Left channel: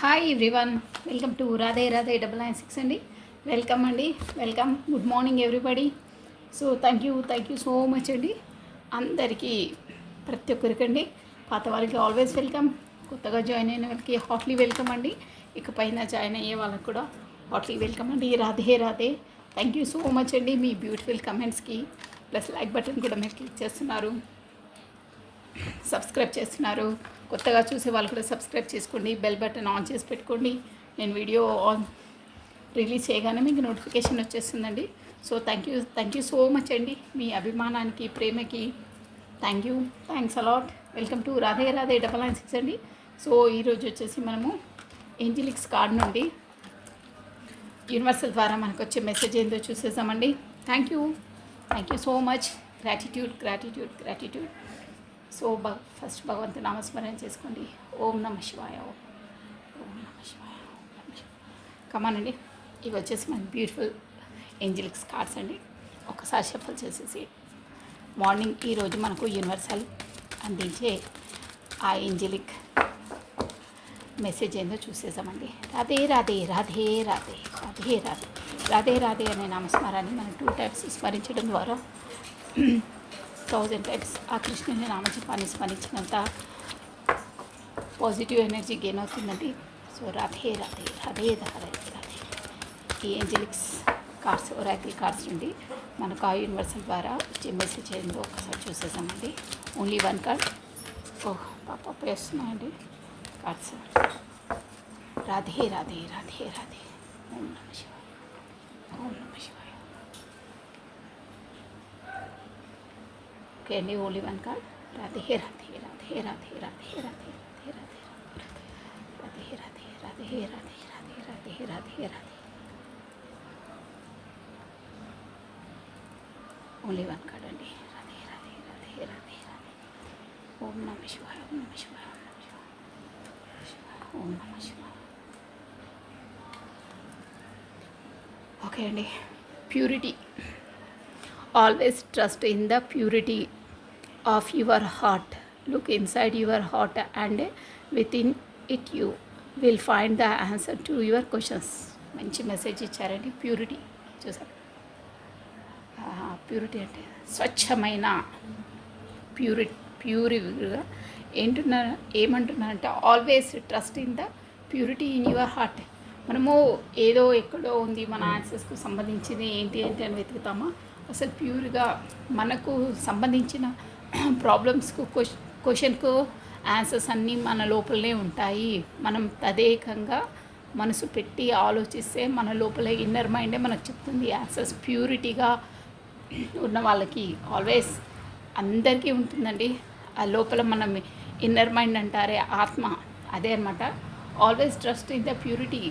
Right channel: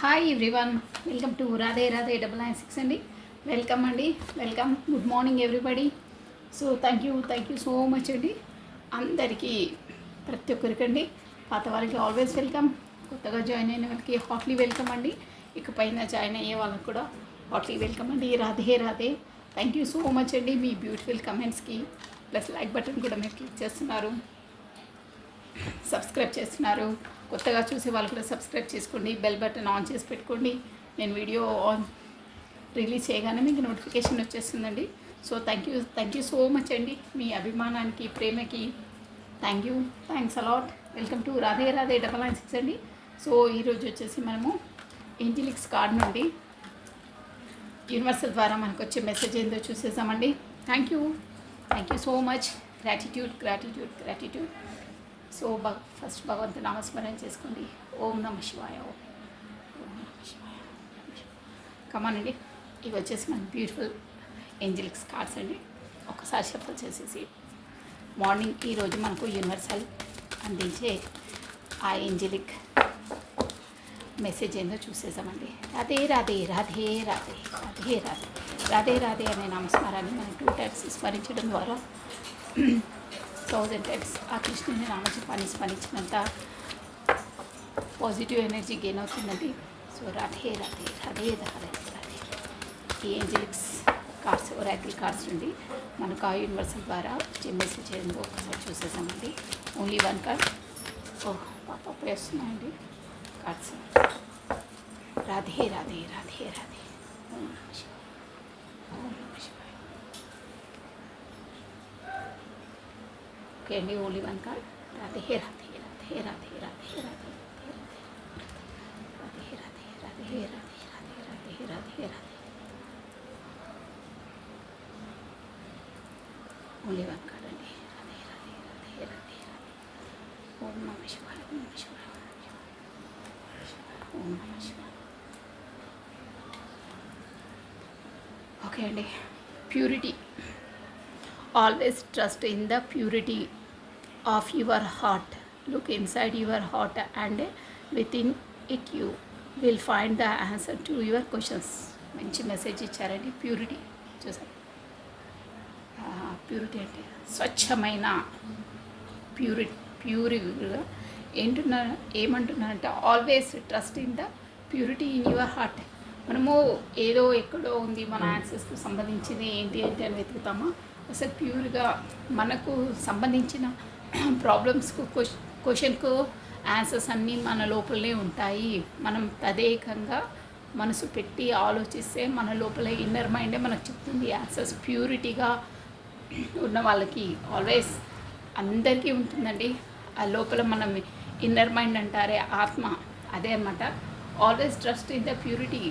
Hi everyone, welcome to Radhe Radhe 996 అండి. Welcome అండి, welcome. Good morning everybody. So thank you so much అండి అందరికీ, ప్రతి ఒక్కరికండి. పాత వాళ్ళకి ఆల్వేస్ వెల్కమ్, కొత్తగా జాయిన్ అయిన వాళ్ళకి హాట్లీ వెల్కమ్ అండి. ఇకపైన జాయిన్ అయ్యే వాళ్ళకి కూడా హాట్లీ వెల్కమ్ అండి. Radhe Radhe. Thank you so much అండి మీ బ్యూటిఫుల్ కమెంట్స్కి. ప్లస్ లైక్ బటన్ కూడా మీరు క్లిక్ చేస్తున్నారు, సబ్స్క్రైబ్ చేస్తున్నారు. కొత్తగా చూసే వాళ్ళు కూడా సబ్స్క్రైబ్ చేసుకోండి, బెల్ బటన్ ఆన్ చేసి పెట్టుకోండి. నేను వీడియో రిలీజ్ చేయగానే మీకు నోటిఫికేషన్ వచ్చేస్తుందండి. So thank you so much అండి మీ అభిమానానికి, ప్రేమకి. Thanks a lot. Welcome to Radhe Radhe 996 అండి. సో ఈరోజు వచ్చేసి మనము ఏంజిలిక్స్ కార్డ్ నుండి యూనివర్సల్ ద్వారా మనకు వచ్చే మెసేజ్ ఏందో చూసేసామండి. Thank you so much. Gratitude. So first భగవంతు నామస్మరణ చేసుకోండి. ఓం నమ శివాయ. కమానండి. ఇవి వచ్చేసి మన బ్యూటిఫుల్ ఏంజిలిక్స్ కార్డ్స్ అండి. ఒకసారి షఫల్ చేసేసి మార్నింగ్ ఈరోజు మనకు యూనివర్సల్ అందించే ఆ ఏంజిలిక్ మెసేజ్ ఏందో చూసేసామండి. రాధే రాధే రాధే రాధే రాధే రాధే రాధే రాధే అనే నామస్మరాన్ని మనం 2 times స్మరించడం ద్వారా 1000 times ఆ కృష్ణుని నామజపాన్ని స్మరించినంత పాజిటివ్ ఎనర్జీ గెయిన్ అవుతుందండి. సో రాధే రాధే రాధే రాధే రాధే. ఈ ఏంజలిక్స్ కార్డ్స్, ఒరాకిల్ కార్డ్స్ నుండి మనకు ఆ యూనివర్సల్ ద్వారా వచ్చే మెసేజ్ ఏందో ఒకసారి చూసేసామండి. Only 1 card. సో పాప వేస్తున్నాయండి కార్డ్స్. రాధే రాధే రాధే రాధే. ఓం నమ శివాయ. ఓం నమ శివాయ. ఓకే అండి, only 1 card. Radhe Radhe Radhe Radhe Radhe Radhe Radhe Radhe Radhe Radhe Radhe Radhe Radhe Radhe. Only 1 card అండి. రాధే రాధే రాధే రాధే రాధే. ఓం నమ శివాయ. ఓం నమ శివాయ. ఓం నమ శివాయ. ఓకే అండి. Purity. Always trust in the purity of your heart. Look inside your heart and within it you will find the answer to your questions. మంచి మెసేజ్ ఇచ్చారండి. ప్యూరిటీ చూసారు. ప్యూరిటీ అంటే స్వచ్ఛమైన ప్యూరిగా ఏమంటున్నారంటే always trust in the purity in your heart. మనము ఏదో ఎక్కడో ఉంది మన యాక్సెస్కి సంబంధించింది ఏంటి అని వెతుకుతామో, అసలు ప్యూర్గా మనకు సంబంధించిన ప్రాబ్లమ్స్కు క్వశ్చన్కు ఆన్సర్స్ అన్నీ మన లోపలనే ఉంటాయి. మనం తదేకంగా మనసు పెట్టి ఆలోచిస్తే మన లోపల ఇన్నర్ మైండే మనకు చెప్తుంది ఆన్సర్స్. ప్యూరిటీగా ఉన్న వాళ్ళకి ఆల్వేస్ అందరికీ ఉంటుందండి ఆ లోపల. మనం ఇన్నర్ మైండ్ అంటారే ఆత్మ, అదే అనమాట. Always trust in the purity.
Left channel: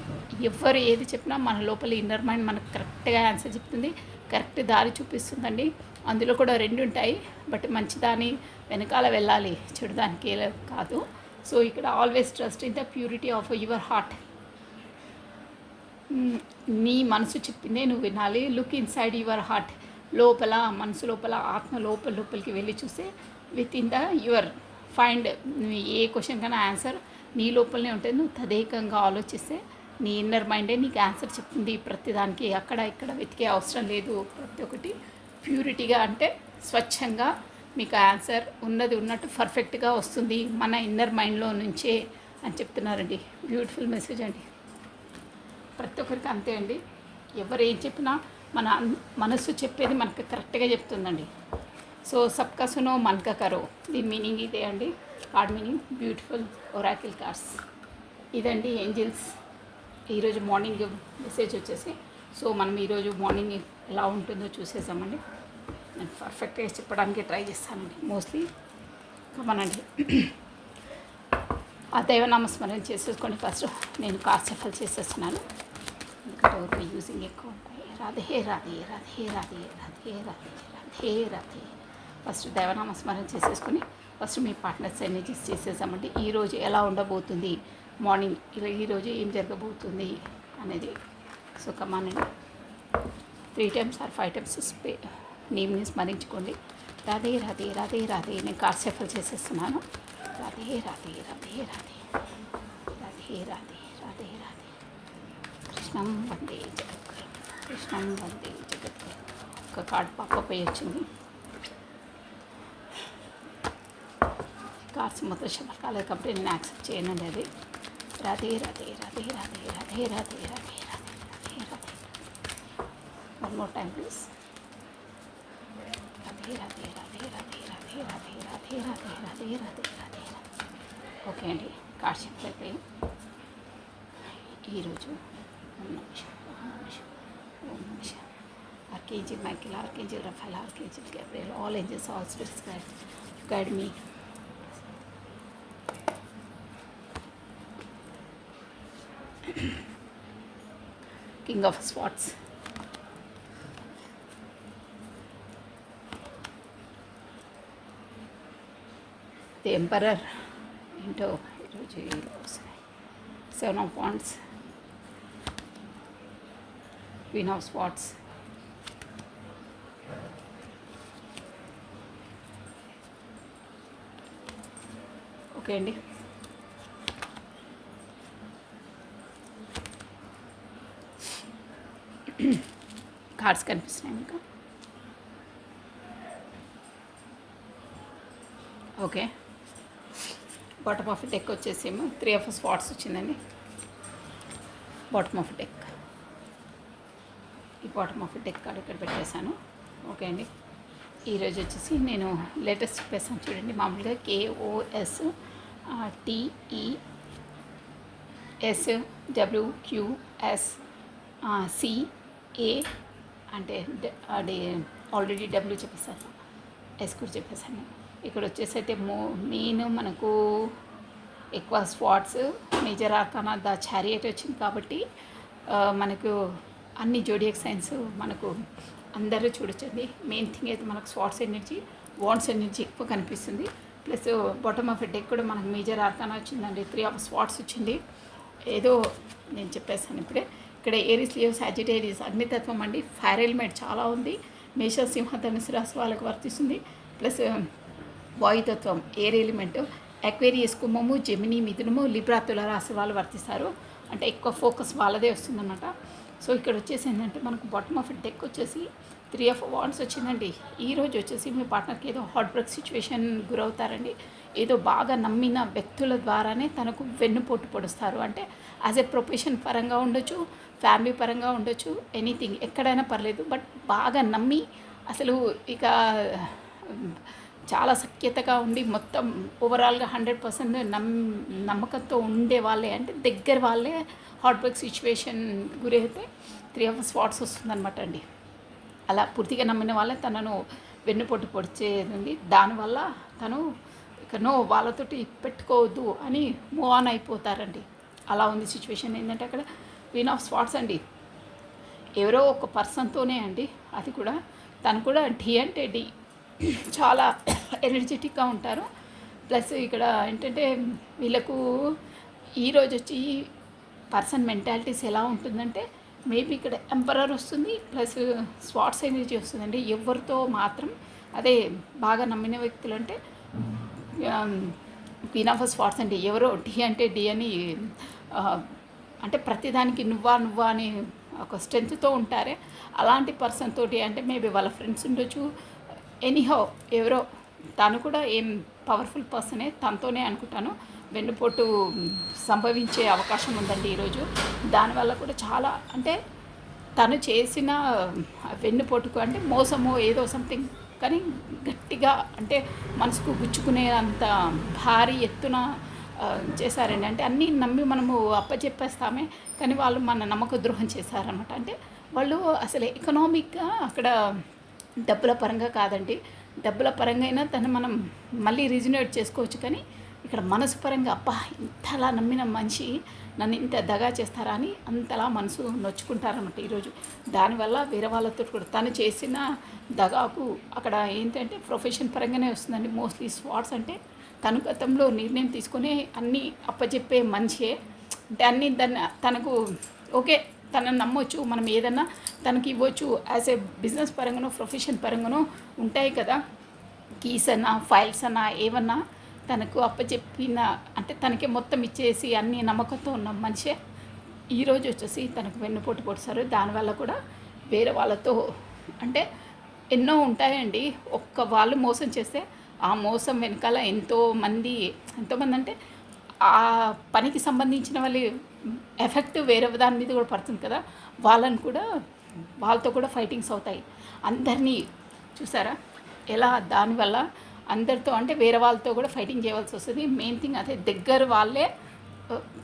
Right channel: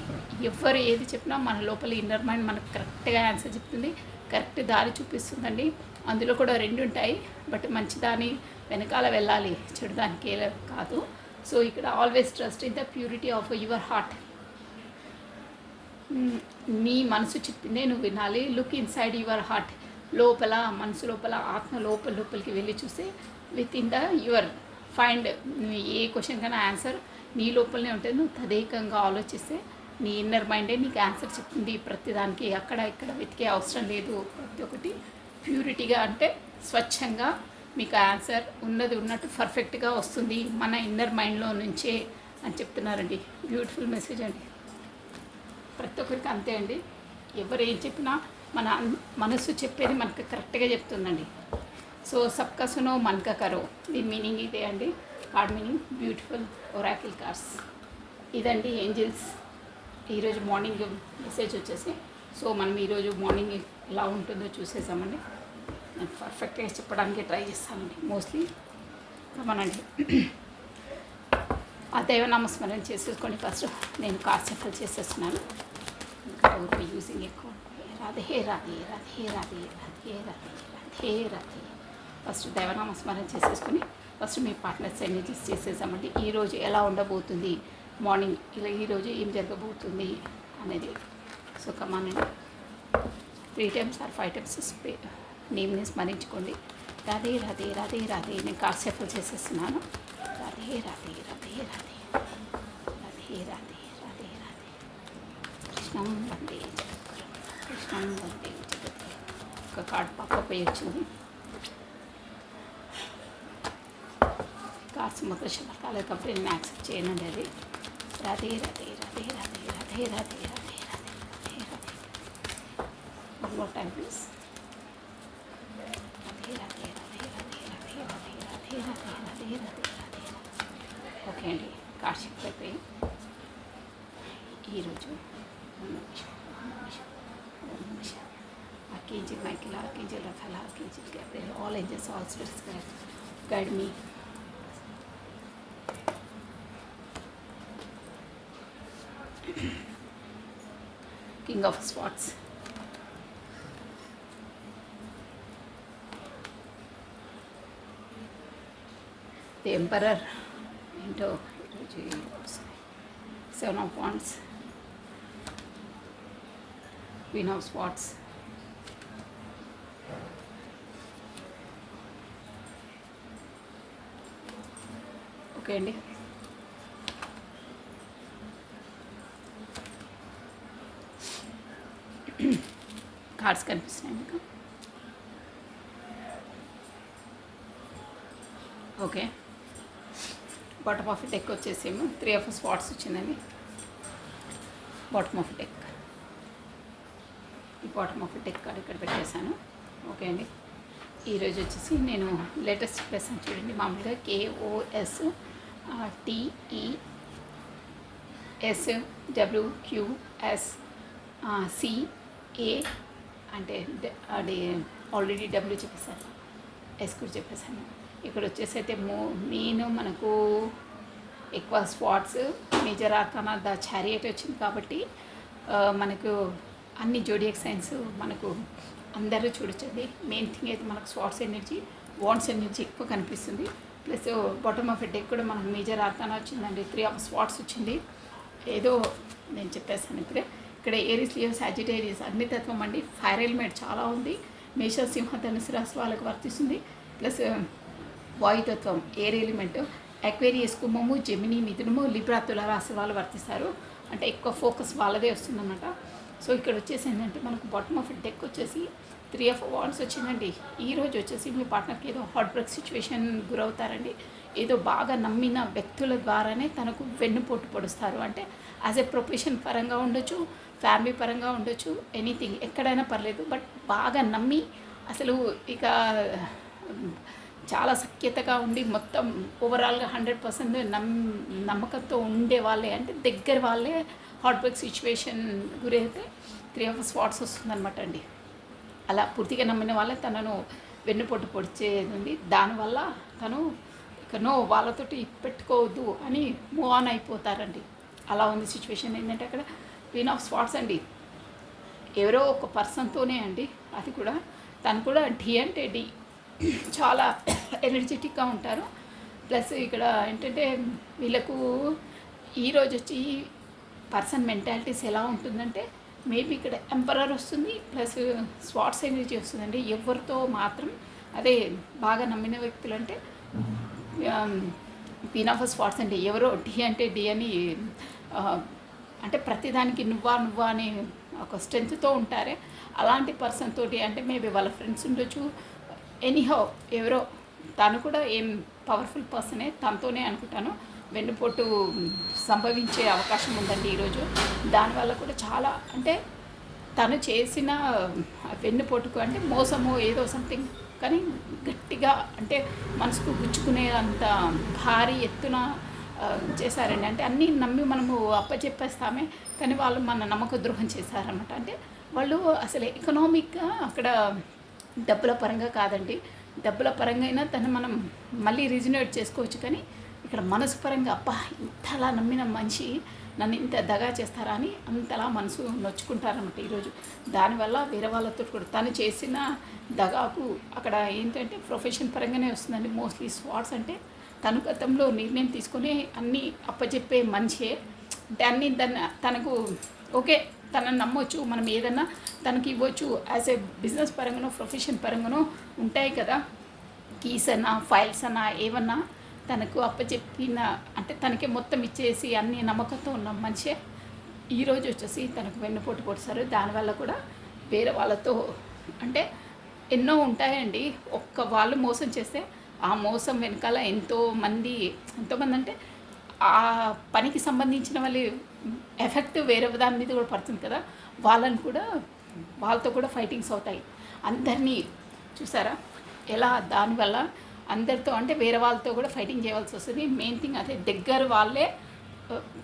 ఎవరు ఏది చెప్పినా మన లోపల ఇన్నర్ మైండ్ మనకు కరెక్ట్గా ఆన్సర్ చెప్తుంది, కరెక్ట్ దారి చూపిస్తుందండి. అందులో కూడా 2 ఉంటాయి, బట్ మంచి దాని వెనకాల వెళ్ళాలి, చెడు దానికి కాదు. సో ఇక్కడ always trust in the purity of your heart. నీ మనసు చెప్పిందే నువ్వు వినాలి. Look inside your heart. లోపల మనసు లోపల ఆత్మ లోపలికి వెళ్ళి చూస్తే with in the your find. A question కన్నా ఆన్సర్ నీ లోపలనే ఉంటుంది. నువ్వు తదేకంగా ఆలోచిస్తే నీ ఇన్నర్ మైండే నీకు ఆన్సర్ చెప్తుంది ప్రతిదానికి. అక్కడ ఇక్కడ వెతికే అవసరం లేదు. ప్రతి ఒక్కటి ప్యూరిటీగా అంటే స్వచ్ఛంగా మీకు ఆన్సర్ ఉన్నట్టు పర్ఫెక్ట్గా వస్తుంది మన ఇన్నర్ మైండ్లో నుంచే అని చెప్తున్నారండి. బ్యూటిఫుల్ మెసేజ్ అండి. ప్రతి ఒక్కరికి అంతే అండి. ఎవరు ఏం చెప్పినా మన మనసు చెప్పేది మనకు కరెక్ట్గా చెప్తుందండి. సో సబ్కా సునో మన్కా కరో, దీని మీనింగ్ ఇదే అండి. Card meaning beautiful Oracle cards ఇదండి. ఏంజిల్స్ ఈరోజు మార్నింగ్ మెసేజ్ వచ్చేసి, సో మనం ఈరోజు మార్నింగ్ ఎలా ఉంటుందో చూసేసామండి. నేను పర్ఫెక్ట్గా చెప్పడానికి ట్రై చేస్తానండి మోస్ట్లీ. మనండి ఆ దైవనామస్మరణ చేసేసుకొని ఫస్ట్ నేను కార్డ్ షఫల్ చేసేస్తున్నాను. ఇంకా యూజింగ్ ఎక్కువ. రాధే రాధే రాధే రాధే రాధే రాధే రాధే రాధే. ఫస్ట్ దైవనామస్మరణ చేసేసుకొని ఫస్ట్ మీ పార్ట్నర్స్ ఎనర్జీస్ చేసేసామండి. ఈరోజు ఎలా ఉండబోతుంది, మార్నింగ్ ఈరోజు ఏం జరగబోతుంది అనేది. సో కమానండి 3 times or 5 times నేమ్ని స్మరించుకోండి. రాధే రాధే రాధే రాధే. నేను కార్డ్ షఫల్ చేసేస్తున్నాను. రాధే రాధే రాధే రాధే రాధే రాధే కృష్ణం వందే జగద్గురు, కృష్ణం వందే జగద్గురు. ఒక కార్డ్ పక్కపోయి వచ్చింది. కార్డ్స్ మొత్తం షఫల్ కాలేదు కాబట్టి నేను యాక్సెప్ట్ చేయనండి. అది Radhe Radhe Radhe Radhe Radhe Radhe Radhe Radhe Radhe. One more time please. Radhe Radhe Radhe Radhe Radhe Radhe Radhe Radhe Radhe Radhe Radhe. Okay అండి, కార్డ్ షిఫ్ట్ అయిపోయి ఈరోజు Archangel Michael, Archangel Raphael, Archangel Gabriel, all angels, all spirits guide me. King of Swords. The Emperor into Seven of Wands. Queen of Swords. Okay అండి, cards కనిపిస్తున్నాయి మీకు. Okay, bottom of deck వచ్చేసేమో 3 of Swords వచ్చిందండి. Bottom of deck, ఈ bottom of deck card ఇక్కడ పెట్టేశాను. Okay అండి, ఈరోజు వచ్చేసి నేను లేటెస్ట్ చెప్పేసాను చూడండి. మామూలుగా KOSTESWQSCA అంటే అది ఆల్రెడీ డబ్ల్యూ చెప్పేసాను, ఎస్ కూడా చెప్పేసాను. ఇక్కడ వచ్చేసి అయితే మెయిన్ మనకు ఎక్కువ swords major arcana the chariot వచ్చింది కాబట్టి మనకు అన్ని జోడియాక్ సైన్స్ మనకు అందరూ చూడొచ్చండి. మెయిన్ థింగ్ అయితే మనకు స్వాట్స్ ఎనర్జీ, వాండ్స్ ఎనర్జీ ఎక్కువ కనిపిస్తుంది. ప్లస్ బాటమ్ ఆఫ్ డెక్ కూడా మనకు మేజర్ ఆర్కానా వచ్చిందండి. 3 of Swords వచ్చింది. ఏదో నేను చెప్పేస్తాను ఇప్పుడే. ఇక్కడ ఏరీస్, లియో, సాజిటేరియస్ అగ్నితత్వం అండి. ఫైర్ ఎలిమెంట్ చాలా ఉంది. మేష, సింహ, ధనుసు రాశి వాళ్ళకి వర్తిస్తుంది. ప్లస్ వాయుతత్వం ఎయిర్ ఎలిమెంట్ అక్వేరియస్, కుంభము, జెమిని, మిథునము, లిబ్రా, తుల రాశి వాళ్ళు వర్తిస్తారు. అంటే ఎక్కువ ఫోకస్ వాళ్ళదే వస్తుందన్నమాట. సో ఇక్కడ వచ్చేసి ఏంటంటే మనకు బాటమ్ ఆఫ్ డెక్ వచ్చేసి 3 of Wands వచ్చిందండి. ఈరోజు వచ్చేసి మీ పార్ట్నర్కి ఏదో హార్ట్ బ్రేక్ సిచ్యువేషన్ గురవుతారండి. ఏదో బాగా నమ్మిన వ్యక్తుల ద్వారానే తనకు వెన్నుపోటు పొడుస్తారు. అంటే యాజ్ ఎ ప్రొఫెషన్ పరంగా ఉండొచ్చు, ఫ్యామిలీ పరంగా ఉండొచ్చు, ఎనీథింగ్ ఎక్కడైనా పర్లేదు. బట్ బాగా నమ్మి అసలు ఇక చాలా సఖ్యతగా ఉండి మొత్తం ఓవరాల్గా 100% నమ్మకంతో ఉండే వాళ్ళే, అంటే దగ్గర వాళ్ళే హార్ట్ బ్రేక్ సిచ్యువేషన్ గురైతే 3 of Swords వస్తుందన్నమాట అండి. అలా పూర్తిగా నమ్మిన వాళ్ళే తనను వెన్నుపోటు పొడిచేది. దానివల్ల తను ఇక వాళ్ళతోటి పెట్టుకోవద్దు అని మూవ్ ఆన్ అయిపోతారండి. అలా ఉంది సిచ్యువేషన్. ఏంటంటే అక్కడ Queen of Swords అండి, ఎవరో ఒక పర్సన్తోనే అండి. అది కూడా తను కూడా డి అంటే డి చాలా ఎనర్జెటిక్గా ఉంటారు. ప్లస్ ఇక్కడ ఏంటంటే వీళ్ళకు ఈరోజు వచ్చి పర్సన్ మెంటాలిటీస్ ఎలా ఉంటుందంటే మేబీ ఇక్కడ ఎంపరర్ వస్తుంది, ప్లస్ స్వాట్స్ ఎనర్జీ వస్తుందండి. ఎవరితో మాత్రం అదే బాగా నమ్మిన వ్యక్తులు అంటే Queen of Swords అండి. ఎవరో డి అంటే డి అని అంటే ప్రతిదానికి నువ్వా అని ఒక స్ట్రెంత్తో ఉంటారే అలాంటి పర్సన్ తోటి, అంటే మేబీ వాళ్ళ ఫ్రెండ్స్ ఉండొచ్చు, ఎనీహౌ ఎవరో తను కూడా ఏం పవర్ఫుల్ పర్సనే, తనతోనే అనుకుంటాను వెన్నుపోటు సంభవించే అవకాశం ఉందండి ఈరోజు. దానివల్ల కూడా చాలా అంటే తను చేసిన వెన్నుపోటుకు అంటే మోసమో ఏదో సంథింగ్ కానీ గట్టిగా అంటే మనసుకు గుచ్చుకునేంత భారీ ఎత్తున చేశారండి. అంటే అన్నీ నమ్మి మనము అప్పచెప్పేస్తామే కానీ వాళ్ళు మన నమ్మక ద్రోహం చేశారన్నమాట. అంటే వాళ్ళు అసలు ఎకనామిక్గా అక్కడ డబ్బుల పరంగా కాదండి, డబ్బుల పరంగా అయినా తను మనం మళ్ళీ రిజినేట్ చేసుకోవచ్చు. కానీ ఇక్కడ మనసు పరంగా అబ్బా ఇంతలా నమ్మిన మనిషి నన్ను ఇంత దగా చేస్తారా అని అంతలా మనసు నొచ్చుకుంటారన్నమాట ఈరోజు. దానివల్ల వేరే వాళ్ళతో కూడా తను చేసిన దగాకు అక్కడ ఏంటంటే ప్రొఫెషన్ పరంగానే వస్తుందండి. మోస్ట్లీ స్వాట్స్ అంటే తను గతంలో నిర్ణయం తీసుకొని అన్నీ అప్పచెప్పే మనిషే. అంటే అన్నీ తనకు ఓకే తనని నమ్మొచ్చు, మనం ఏదన్నా తనకి ఇవ్వచ్చు. యాజ్ ఏ బిజినెస్ పరంగానో ప్రొఫెషన్ పరంగానో ఉంటాయి కదా, కీస్ అన్నా ఫైల్స్ అన్నా ఏమన్నా తనకు అప్పచెప్పిన అంటే తనకే మొత్తం ఇచ్చేసి అన్ని నమ్మకంతో ఉన్న మనిషే ఈరోజు వచ్చేసి తనకు వెన్నుపోటు పొడిచారు. దానివల్ల కూడా వేరే వాళ్ళతో అంటే ఎన్నో ఉంటాయండి. ఒక్క వాళ్ళు మోసం చేస్తే ఆ మోసం వెనకాల ఎంతోమంది అంటే ఆ పనికి సంబంధించిన వాళ్ళ ఎఫెక్ట్ వేరే దాని మీద కూడా పడుతుంది కదా, వాళ్ళతో కూడా ఫైటింగ్స్ అవుతాయి. అందరినీ చూసారా ఎలా దానివల్ల అందరితో అంటే వేరే వాళ్ళతో కూడా ఫైటింగ్ చేయవలసి వస్తుంది. మెయిన్ థింగ్ అదే దగ్గర వాళ్ళే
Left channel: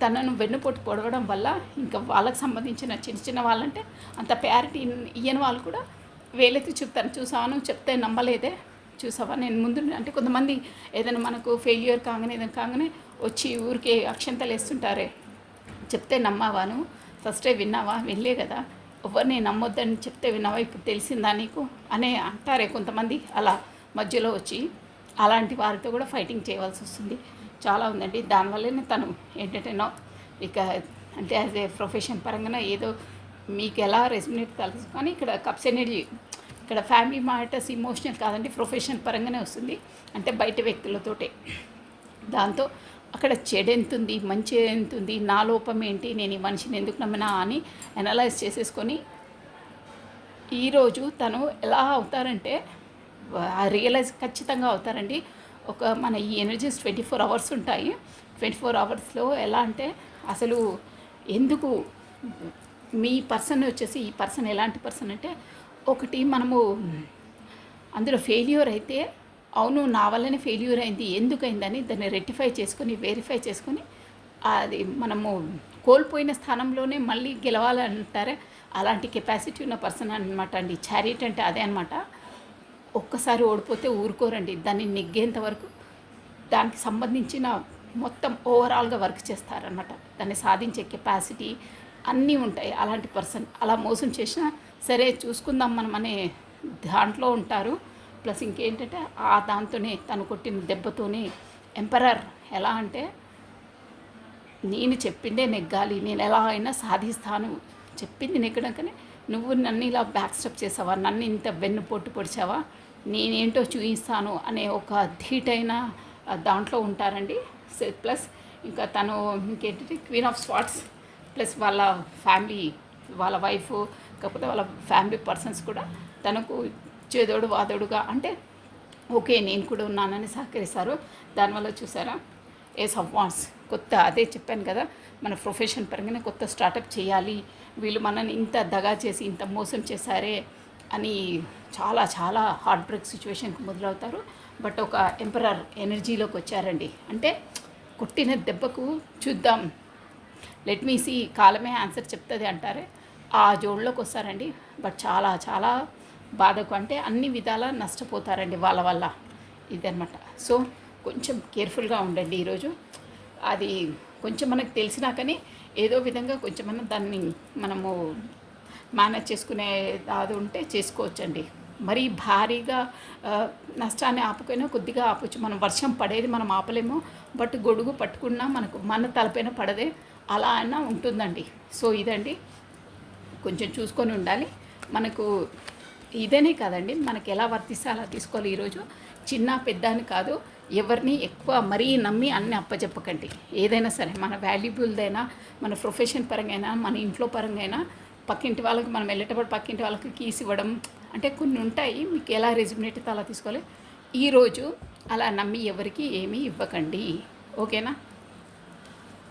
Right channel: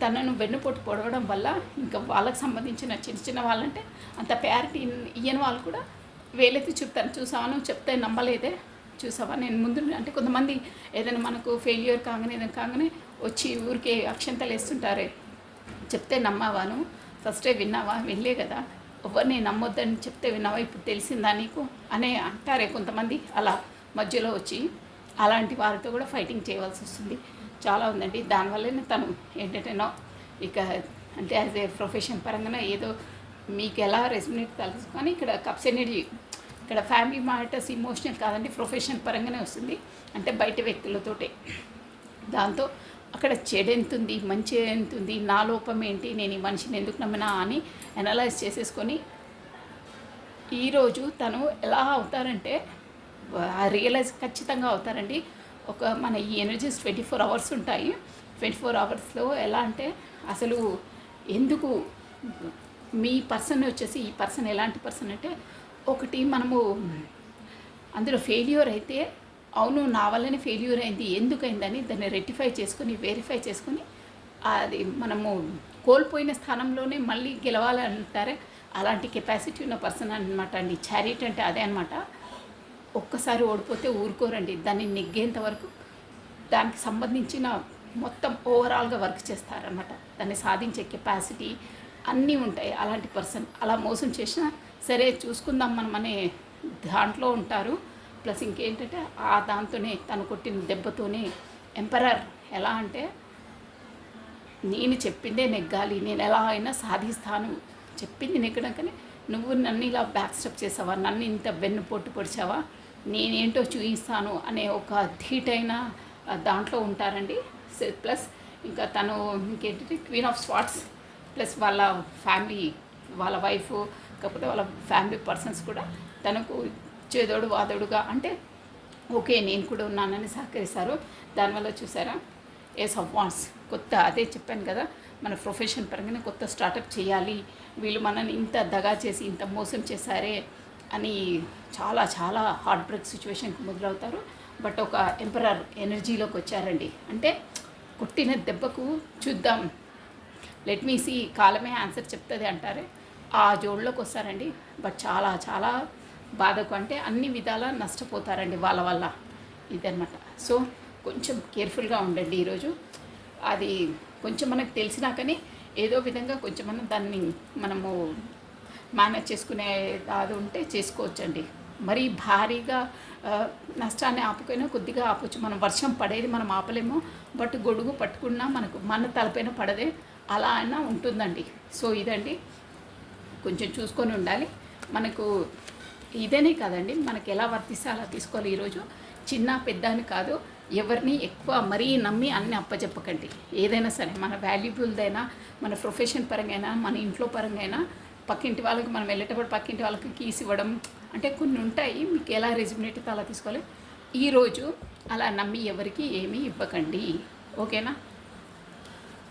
తనను వెన్నుపోటు పొడవడం వల్ల ఇంకా వాళ్ళకి సంబంధించిన చిన్న చిన్న వాళ్ళంటే అంత ప్యారిటీ ఇయ్యని వాళ్ళు కూడా వేలైతే చూసాను చెప్తే నమ్మలేదే. చూసావా నేను ముందు అంటే కొంతమంది ఏదైనా మనకు ఫెయిల్యూర్ కాగానే వచ్చి ఊరికే అక్షంతలు వేస్తుంటారే, చెప్తే నమ్మావాను, ఫస్టే విన్నావా, వినలే కదా, ఎవరిని నమ్మొద్దని చెప్తే విన్నావా, ఇప్పుడు తెలిసిందా నీకు అనే అంటారే కొంతమంది అలా మధ్యలో వచ్చి. అలాంటి వారితో కూడా ఫైటింగ్ చేయవలసి వస్తుంది. చాలా ఉందండి. దానివల్లనే తను ఏంటంటేనో ఇక అంటే యాజ్ ఏ ప్రొఫెషన్ పరంగా ఏదో మీకు ఎలా రెస్మినేట్ కలుసు కానీ ఇక్కడ కప్స్ ఎనర్జీ ఇక్కడ ఫ్యామిలీ మ్యాటర్స్ ఇమోషనల్ కాదండి, ప్రొఫెషన్ పరంగానే వస్తుంది. అంటే బయట వ్యక్తులతోటే దాంతో అక్కడ చెడు ఎంతుంది మంచి ఎంతుంది, నా లోపం ఏంటి, నేను ఈ మనిషిని ఎందుకు నమ్మినా అని అనలైజ్ చేసేసుకొని ఈరోజు తను ఎలా అవుతారంటే రియలైజ్ ఖచ్చితంగా అవుతారండి. మన ఈ ఎనర్జీస్ 24 అవర్స్ ఉంటాయి. 24 అవర్స్లో ఎలా అంటే అసలు ఎందుకు మీ పర్సన్ వచ్చేసి ఈ పర్సన్ ఎలాంటి పర్సన్ అంటే ఒకటి మనము అందులో ఫెయిల్యూర్ అయితే అవును నా వల్లనే ఫెయిల్యూర్ అయింది ఎందుకైందని దాన్ని రెక్టిఫై చేసుకొని వెరిఫై చేసుకొని అది మనము కోల్పోయిన స్థానంలోనే మళ్ళీ గెలవాలి అంటారే అలాంటి కెపాసిటీ ఉన్న పర్సన్ అనమాట అండి. చారిటీ అంటే అదే అనమాట. ఒక్కసారి ఓడిపోతే ఊరుకోరండి, దాన్ని నెగ్గేంత వరకు దానికి సంబంధించిన మొత్తం ఓవరాల్గా వర్క్ చేస్తారనమాట. దాన్ని సాధించే కెపాసిటీ అన్నీ ఉంటాయి. అలాంటి పర్సన్ అలా మోసం చేసినా సరే చూసుకుందాం మనం అనే దాంట్లో ఉంటారు. ప్లస్ ఇంకేంటంటే ఆ దాంతోనే తను కొట్టిన దెబ్బతోనే ఎంపరర్ ఎలా అంటే నేను చెప్పిందే నెగ్గాలి, నేను ఎలా అయినా సాధిస్తాను, చెప్పింది నెగ్గడం కానీ నువ్వు నన్ను ఇలా బ్యాక్ స్టెప్ చేసావా, నన్ను ఇంత వెన్నుపోటు పొడిచావా, నేనేంటో చూపిస్తాను అనే ఒక ధీటైన దాంట్లో ఉంటారండి. ప్లస్ ఇంకా తను ఇంకేంటంటే క్వీన్ ఆఫ్ స్వార్డ్స్ ప్లస్ వాళ్ళ ఫ్యామిలీ వాళ్ళ వైఫ్ కాకపోతే వాళ్ళ ఫ్యామిలీ పర్సన్స్ కూడా తనకు చేదోడు వాదోడుగా అంటే ఓకే నేను కూడా ఉన్నానని సహకరిస్తారు. దానివల్ల చూసారా ఏస్ ఆఫ్ వాన్స్ కొత్త అదే చెప్పాను కదా, మన ప్రొఫెషన్ పరంగానే కొత్త స్టార్టప్ చేయాలి, వీళ్ళు మనని ఇంత దగా చేసి ఇంత మోసం చేశారే అని చాలా చాలా హార్ట్ బ్రేక్ సిచ్యువేషన్కి మొదలవుతారు. బట్ ఒక ఎంపరర్ ఎనర్జీలోకి వచ్చారండి. అంటే కొట్టిన దెబ్బకు చూద్దాం లెట్ మీ సీ కాలమే ఆన్సర్ చెప్తుంది అంటారే ఆ జోడ్లోకి వస్తారండి. బట్ చాలా చాలా బాధకు అంటే అన్ని విధాలా నష్టపోతారండి వాళ్ళ వల్ల ఇదనమాట. సో కొంచెం కేర్ఫుల్గా ఉండండి ఈరోజు. అది కొంచెం మనకు తెలిసినా కానీ ఏదో విధంగా కొంచెం దాన్ని మనము మేనేజ్ చేసుకునే అది ఉంటే చేసుకోవచ్చండి. మరీ భారీగా నష్టాన్ని ఆపుకొని కొద్దిగా ఆపచ్చు. మనం వర్షం పడేది మనం ఆపలేము, బట్ గొడుగు పట్టుకున్నా మన తలపైన పడదే అలా అయినా ఉంటుందండి. సో ఇదండి కొంచెం చూసుకొని ఉండాలి. మనకు ఇదేనే కాదండి, మనకి ఎలా వర్తిస్తే అలా తీసుకోవాలి. ఈరోజు చిన్న పెద్ద అని కాదు, ఎవరిని ఎక్కువ మరీ నమ్మి అన్నీ అప్పచెప్పకండి. ఏదైనా సరే మన వాల్యుబుల్దైనా మన ప్రొఫెషన్ పరంగా అయినా మన ఇంట్లో పరంగా అయినా పక్కింటి వాళ్ళకి మనం వెళ్ళేటప్పుడు పక్కింటి వాళ్ళకి కీస్ ఇవ్వడం అంటే కొన్ని ఉంటాయి. మీకు ఎలా రెజ్యుమినేట్ అయితే అలా తీసుకోవాలి. ఈరోజు అలా నమ్మి ఎవరికి ఏమీ ఇవ్వకండి, ఓకేనా?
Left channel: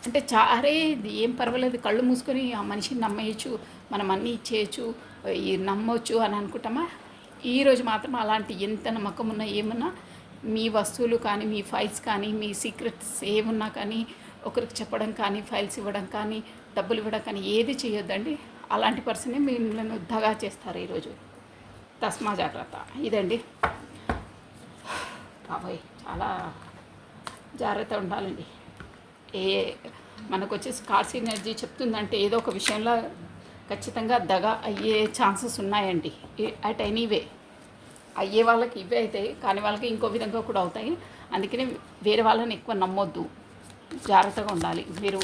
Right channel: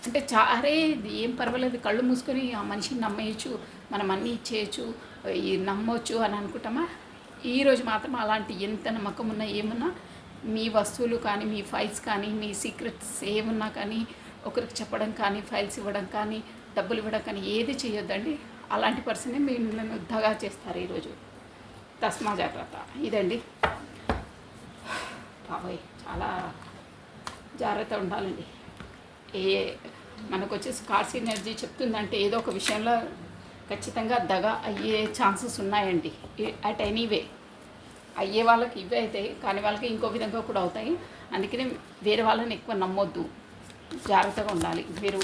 అంటే చారే ఏం పర్వాలేదు కళ్ళు మూసుకొని ఆ మనిషిని నమ్మేయచ్చు, మనం అన్నీ ఇచ్చేయచ్చు, నమ్మొచ్చు అని అనుకుంటామా? ఈరోజు మాత్రం అలాంటి ఎంత నమ్మకం ఉన్నా ఏమన్నా మీ వస్తువులు కానీ మీ ఫైల్స్ కానీ మీ సీక్రెట్స్ ఏమున్నా కానీ ఒకరికి చెప్పడం కానీ ఫైల్స్ ఇవ్వడం కానీ డబ్బులు ఇవ్వడం కానీ ఏది చేయొద్దండి. అలాంటి పర్సనే మిమ్మల్ని దగా చేస్తారు ఈరోజు. తస్మా జాగ్రత్త. ఇదండి బాబాయ్, చాలా జాగ్రత్త ఉండాలండి. మనకు వచ్చేసి కార్స్ ఎనర్జీ చెప్తుందంటే ఏదో ఒక విషయంలో ఖచ్చితంగా దగా అయ్యే ఛాన్సెస్ ఉన్నాయండి. అట్ ఎనీవే అయ్యే వాళ్ళకి ఇవే అవుతాయి, కానీ వాళ్ళకి ఇంకో విధంగా కూడా అవుతాయి. అందుకనే వేరే వాళ్ళని ఎక్కువ నమ్మొద్దు, జాగ్రత్తగా ఉండాలి. మీరు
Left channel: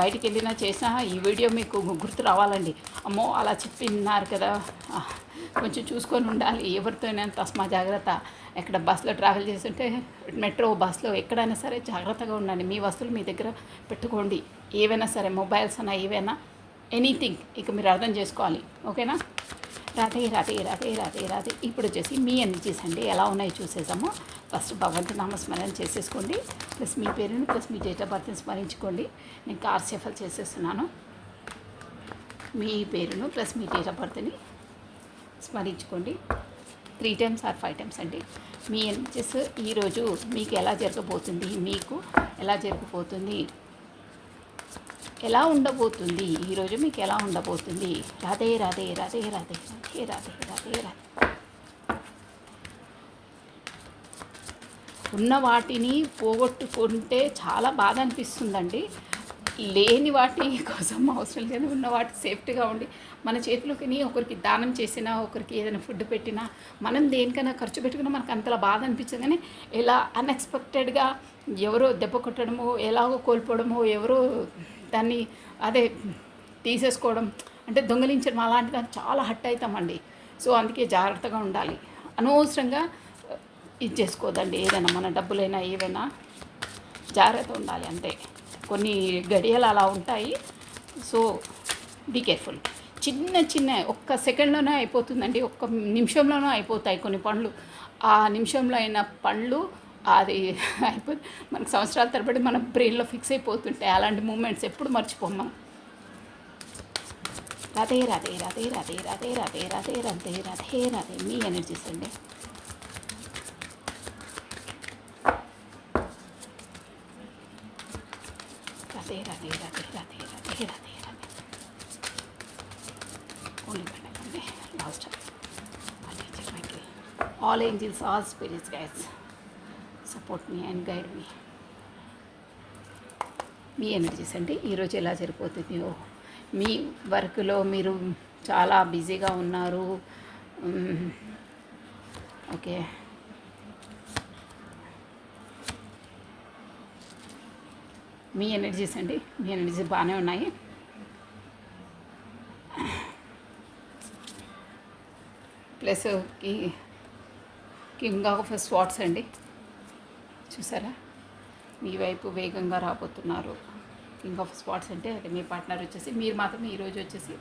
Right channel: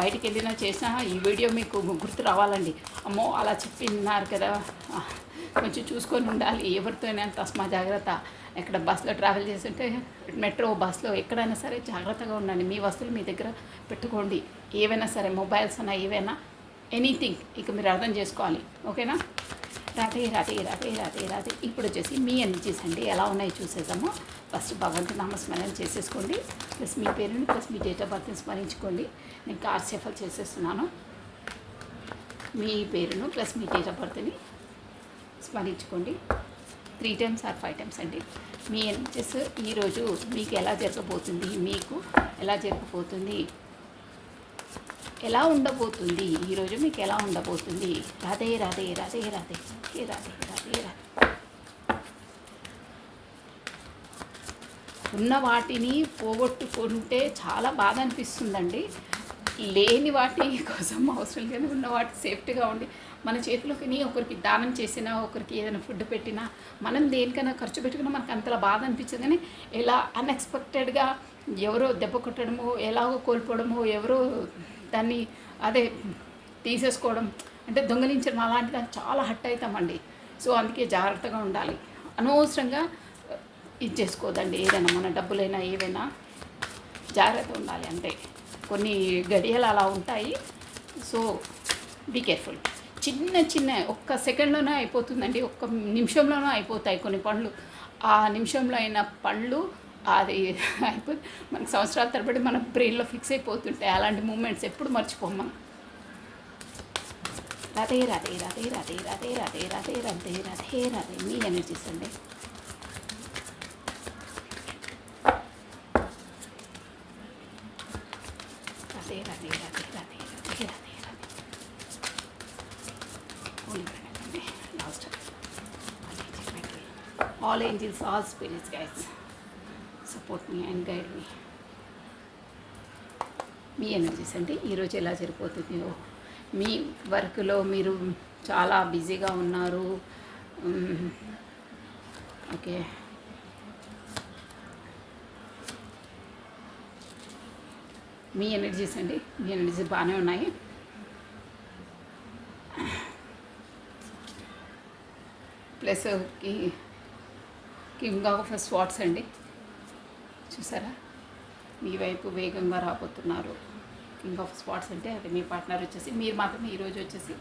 బయటికి వెళ్ళినా చేసినా ఈ వీడియో మీకు గుర్తు రావాలండి. అమ్మో అలా చెప్పిన్నారు కదా, కొంచెం చూసుకొని ఉండాలి. ఎవరితో అయినా తస్మా జాగ్రత్త. ఎక్కడ బస్సులో ట్రావెల్ చేస్తుంటే మెట్రో బస్సులో ఎక్కడైనా సరే జాగ్రత్తగా ఉండండి. మీ వస్తువులు మీ దగ్గర పెట్టుకోండి. ఏవైనా సరే మొబైల్స్ అయినా ఏవైనా ఎనీథింగ్ ఇక మీరు అర్థం చేసుకోవాలి. ఓకేనా? రాధే రాధే రాధే రాధే రాధే. ఇప్పుడు వచ్చేసి మీ ఎనర్జీస్ అండి ఎలా ఉన్నాయో చూసేసాము. ఫస్ట్ భగవంతు నామస్మరణ చేసేసుకోండి. ప్లస్ మీ పేరుని ప్లస్ మీ డేట్ ఆఫ్ బర్త్ని స్మరించుకోండి. నేను కార్ షఫల్ చేసేస్తున్నాను. మీ పేరును ప్లస్ మీ డేట్ ఆఫ్ బర్త్ని స్మరించుకోండి 3 times ఆర్ 5 times అండి. మీ ఎనర్జీస్ ఈరోజు మీకు ఎలా జరగబోతుంది, మీకు ఎలా జరగబోతుంది, ఎలా ఉండబోతుంది, ఈరోజు మీకు ఎలా ఉండబోతుంది. రాధే రాధే రాధే రాధే రాధే రాధే రాధే రాధే. ఉన్న వాటిని పోగొట్టుకుంటే చాలా బాధ అనిపిస్తుందండి. లేని వాటి కోసం అవసరం లేదు. ఉన్న వాటి సేఫ్టీగా ఉండి మన చేతిలోకి ఒకరికి దానం చేసినా, ఒకరికి ఏదైనా ఫుడ్ పెట్టినా, మనం దేనికైనా ఖర్చు పెట్టుకున్నా మనకు అంతలా బాధ అనిపించదు. కానీ ఇలా అన్ఎక్స్పెక్టెడ్గా ఎవరో దెబ్బ కొట్టడమో, ఎలాగో కోల్పోవడమో, ఎవరో దాన్ని అదే తీసేసుకోవడం అంటే దొంగలించడం అలాంటిది చాలా హట్ అవుతామండి. సో అందుకే జాగ్రత్తగా ఉండాలి. అనవసరంగా ఇది చేసుకోదండి. ఏదైనా మన డబ్బులైనా ఏవైనా జాగ్రత్త ఉండాలి అంతే. కొన్ని గడియలు అలా ఉంటాయి. So be careful. చిన్న చిన్న ఒక్క సెకండ్లోనే అయిపోతుందండి. ఒక్క నిమిషంలోనే అయిపోతాయి కొన్ని పనులు. ఆ నిమిషంలో అయిన పనులు అది అయిపోయి మనకు సంవత్సరాల తరబడి మన బ్రెయిన్లో ఫిక్స్ అయిపోతుంటాయి. అలాంటి మూమెంట్స్ ఎప్పుడు మర్చిపోం మనం. రాధే రాధే రాధే రాధే రాధే రాధే రాధే రాధే రాధే రాధే. మీ ఎనర్జీస్ అండి. Radhe Radhe Radhe Radhe Radhe Radhe. Last all angels, all spirits, guys, support me and guide me. Me energies అండి ఈరోజు ఎలా జరిగిపోతుందో. మీ వర్క్లో మీరు చాలా బిజీగా ఉన్నారు. ఓకే, మీ ఎనర్జీస్ అండి, మీ ఎనర్జీస్ బాగానే ఉన్నాయి. ప్లస్ కింగ్ ఆఫ్ స్వాట్స్ అండి, చూసారా? మీ వైపు వేగంగా రాబోతున్నారు. కింగ్ ఆఫ్ స్పాట్స్ అంటే అది మీ పార్ట్నర్ వచ్చేసి, మీరు మాత్రమే ఈరోజు వచ్చేసి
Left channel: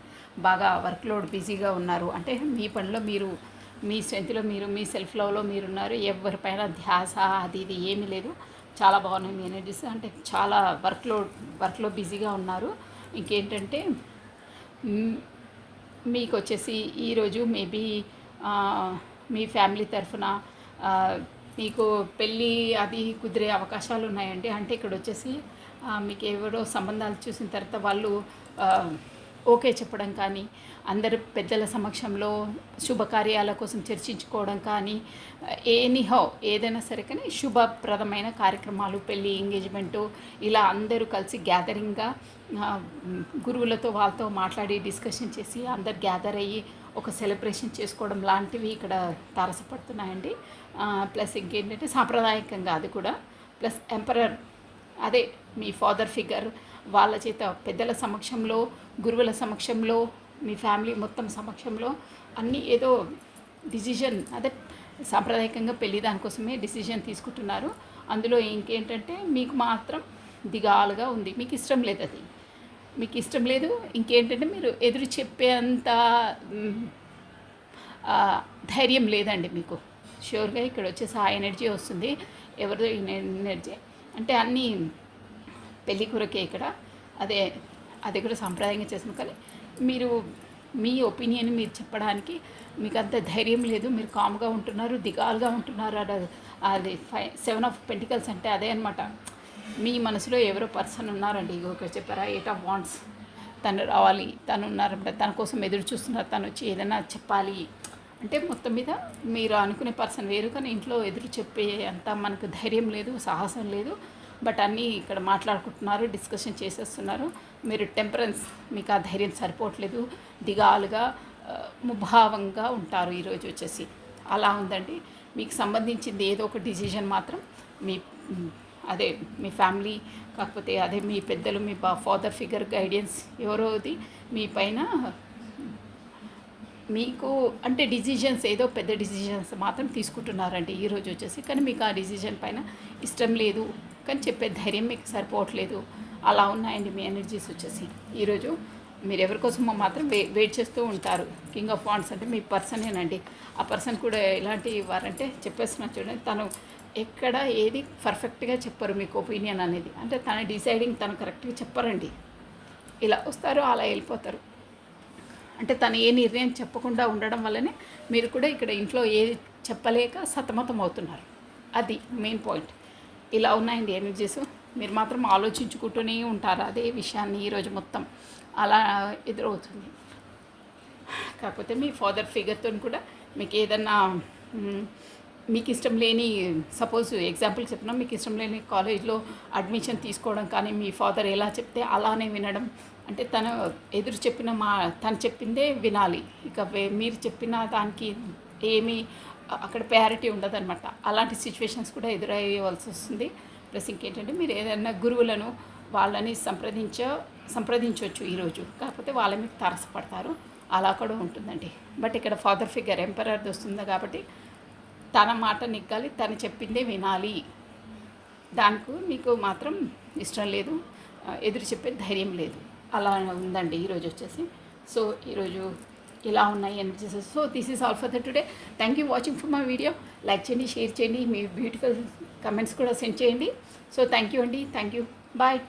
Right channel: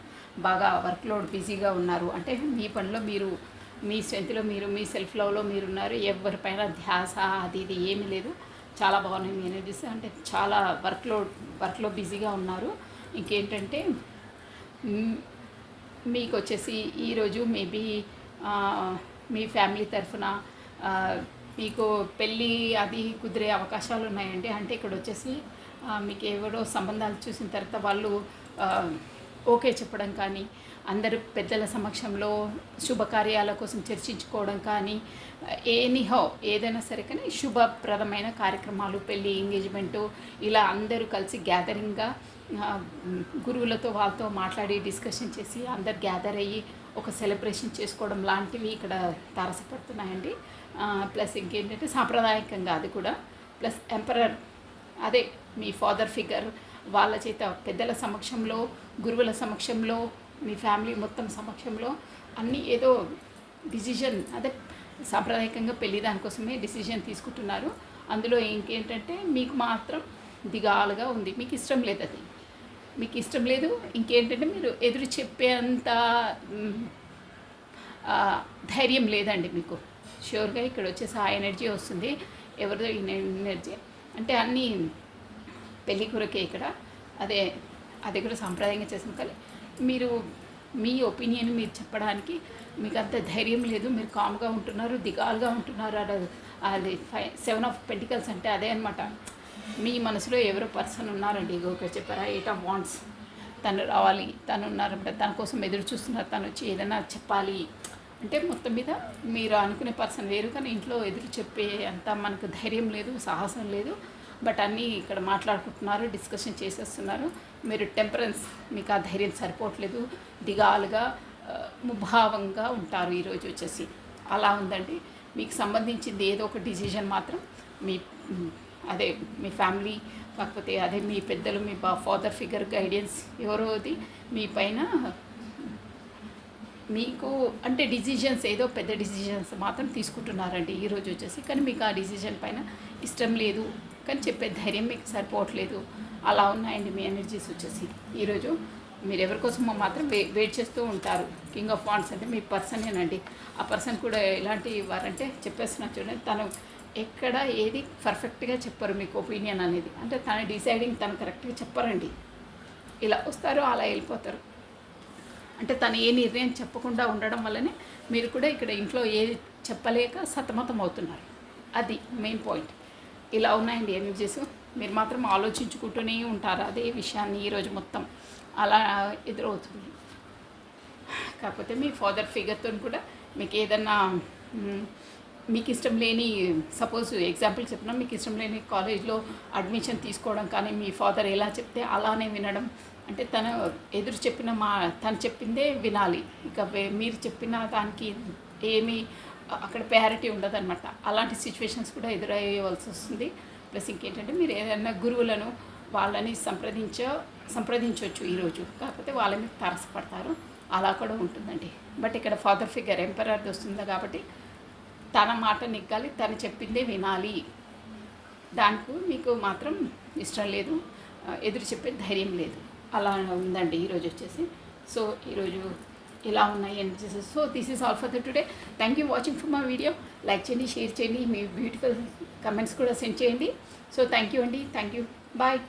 బాగా వర్క్లోడ్ బిజీగా ఉన్నారు. అంటే మీ పనిలో మీరు, మీ స్ట్రెంత్లో మీరు, మీ సెల్ఫ్ లవ్లో మీరున్నారు. ఎవరిపైన ధ్యాస అది ఇది ఏమీ లేదు. చాలా బాగున్నాయి మీ ఎనర్జీస్. అంటే చాలా వర్క్లో బిజీగా ఉన్నారు. ఇంకేంటంటే మీకు వచ్చేసి ఈరోజు మేబీ మీ ఫ్యామిలీ తరఫున మీకు పెళ్ళి అది కుదిరే అవకాశాలు ఉన్నాయండి. అంటే ఇక్కడ వచ్చేసి మీకు ఎవరో సంబంధాలు చూసిన తర్వాత వాళ్ళు ఓకే చెప్పడం కానీ, అందరు పెద్దల సమక్షంలో శుభకార్యాల కోసం చర్చించుకోవడం కానీ, ఎనీహౌ ఏదైనా సరే కానీ శుభప్రదమైన కార్యక్రమాలు, పెళ్ళి, ఎంగేజ్మెంటు ఇలా అందరూ కలిసి గ్యాదరింగ్గా గురువులతో వాళ్ళతో మాట్లాడి డిస్కషన్ చేసి అందరు గ్యాదర్ అయ్యి ఒక సెలబ్రేషన్ చేసుకోవడం లాంటివి ఇక్కడ తారసపడుతున్నాయండి. ప్లస్ ఇంకేంటంటే సాంప్రదాయకంగా అది కూడా, ప్లస్ ఎంపరర్ అదే మీ ఫాదర్ ఫిగర్ వాళ్ళ చేత పెద్దల సమక్షంలో, గురువుల సమక్షంలో, మీ ఫ్యామిలీ మొత్తం సమక్షంలో అన్నీ ఏదో డిసిజన్, అదే సాంప్రదాయకంగా పెళ్ళి దానికోసమే డిసిజన్ తీసుకుంటున్నారు. అందులో ఇంకేంటంటే మీకు మాత్రం దిగాలుగా ఉంది. మీకు ఇష్టం లేదు, అది మీకు ఇష్టం లేదు. ఇంకేంటంటే మీరు ఎదురు చెప్పేంత ధైర్యం లేదండి మీకు. ష్యూర్గా ఇక్కడ వచ్చేసి ఆ ఎనర్జీ వస్తుంది. ఎవరిదో ఎనర్జీ అంటే అన్నీ పెళ్ళి కొరకే ఇక్కడ. అది కూడా సాంప్రదాయంగా చేసిన కానీ మీరు మీ ఒపీనియన్ మీరు చెప్పడానికి మీకు అంత ధైర్యం లేదు. మీరు కామ్గా ఉంటున్నారు, దిగాలుగా ఉంటున్నారు. అది 7 of Pentacles అంటే అదే అనమాట. మీ మనసులో ఎవరో పర్సన్ ఉన్నారండి. ఇక్కడ చెప్పారా 8 of Wands, తను రావాలి, తను ఉన్నారంట, తన కోసం ఎదురు చూస్తున్నారు, తను వచ్చి ఏదైనా చెప్పాలి అంటే మొత్తం మీద మీరు అనుకునే పర్సన్ వేరు. కానీ ఇంట్లో ఎదురు చెప్పే అంత మనకు ధైర్యం లేదు, సాహసం లేదు. బట్ అన్నీ ఇక్కడ మాట్లాడుకుంటున్నారు, డిస్కషన్ చేసేస్తున్నారు. మీరు టెంపరెన్స్, మీకు ఆ ధైర్యం సరిపోవట్లేదు, దిగాలుగా ముభావంగా ఉంటారు ఈరోజు వచ్చేసి. అలా ఉందండి. మీకు సంబంధించింది ఏదో ఒక డిసిజన్ మాత్రం అదే మీ ఫ్యామిలీ, కాకపోతే అదే మీ పెద్దలు, మీ ఫాదర్ ఫిగర్ గైడెన్స్ ఎవరోది మీ పైన మీకు అంటే డిసిజన్స్ ఏదో పెద్ద డిసిజన్స్ మాత్రం తీసుకుంటున్నారండి ఈరోజు వచ్చేసి. కానీ మీకు ఆ డిసిజన్ పైన ఇష్టం లేదు, కానీ చెప్పే ధైర్యం మీకు సరిపోవట్లేదు. అలా ఉన్నాయండి మీ ఎనర్జీస్ వచ్చేసి ఈరోజు. మీరు ఎవరి కోసమో మాత్రం వెయిట్ చేస్తూ ఉంటారు. కింగ్ ఆఫ్ వాండ్స్ అంటే మీ పర్సనేనండి. ఆ పర్సన్ కూడా ఎలాంటి వారంటే చెప్పేస్తున్నా చూడండి, తను ఎక్కడ ఏది పర్ఫెక్ట్గా చెప్పరు మీకు ఒపీనియన్ అనేది. అంటే తన డిసైడింగ్ తను కరెక్ట్గా చెప్పరండి. ఇలా వస్తారు, అలా వెళ్ళిపోతారు. అంటే తను ఏ నిర్ణయం చెప్పకుండా ఉండడం వల్లనే మీరు కూడా ఇక్కడ ఇంట్లో ఏది చెప్పలేక సతమతం అవుతున్నారు. అది మెయిన్ పాయింట్. ఇలా ఉన్నాయండి ఎనర్జీస్. మీరు మాత్రం ఆలోచించుకుంటూనే ఉంటారు అదే విషయాన్ని ఈరోజు మొత్తం. అలా ఎదురవుతుంది. కాకపోతే మీ ఫాదర్ ఫిగర్తో కూడా మీకు ఏదన్నా మీకు ఇష్టం లేని, సపోజ్ ఎగ్జాంపుల్ చెప్పినా, మీకు ఇష్టం లేని కాలేజ్లో అడ్మిషన్ తీసుకోవడం కానీ మీ ఫాదర్ ఎలా చెప్తే అలానే వినడం. అంటే తను ఎదురు చెప్పిన తను చెప్పిందే వినాలి. ఇక మీరు చెప్పిన దానికి ఏమీ అక్కడ ప్రయారిటీ ఉండదన్నమాట. అలాంటి సిచ్యువేషన్స్ కూడా ఎదురయ్యవలసి వస్తుంది. ప్లస్ ఇంకేంటంటే మీరు ఏదైనా గురువులను వాళ్ళని సంప్రదించవచ్చు ఈరోజు. కాకపోతే వాళ్ళ మీకు తారసపడతారు, అలా కూడా ఉంటుందండి. బట్ ఇక్కడ ఫాదర్ ఫిగర్ ఎంపరర్ది వస్తుంది కాబట్టి తన మాట నెగ్గాలి, తను చెప్పిందే వినాలి. దానికి మీకు మాత్రం ఇష్టం లేదు, ఎదురు చెప్పే ధైర్యం లేదు. అలా ఉందండి ఈరోజు వచ్చేసి. సో ఈరోజు ఇలా ఉన్నాయి energies. So this is all for the today. Thank you watching for my video. Like చేయండి, షేర్ చేయండి, మీ బ్యూటిఫుల్ కమెంట్స్ కూడా సెండ్ చేయండి. సో థ్యాంక్ యూ అండి. Thank you. బాయ్.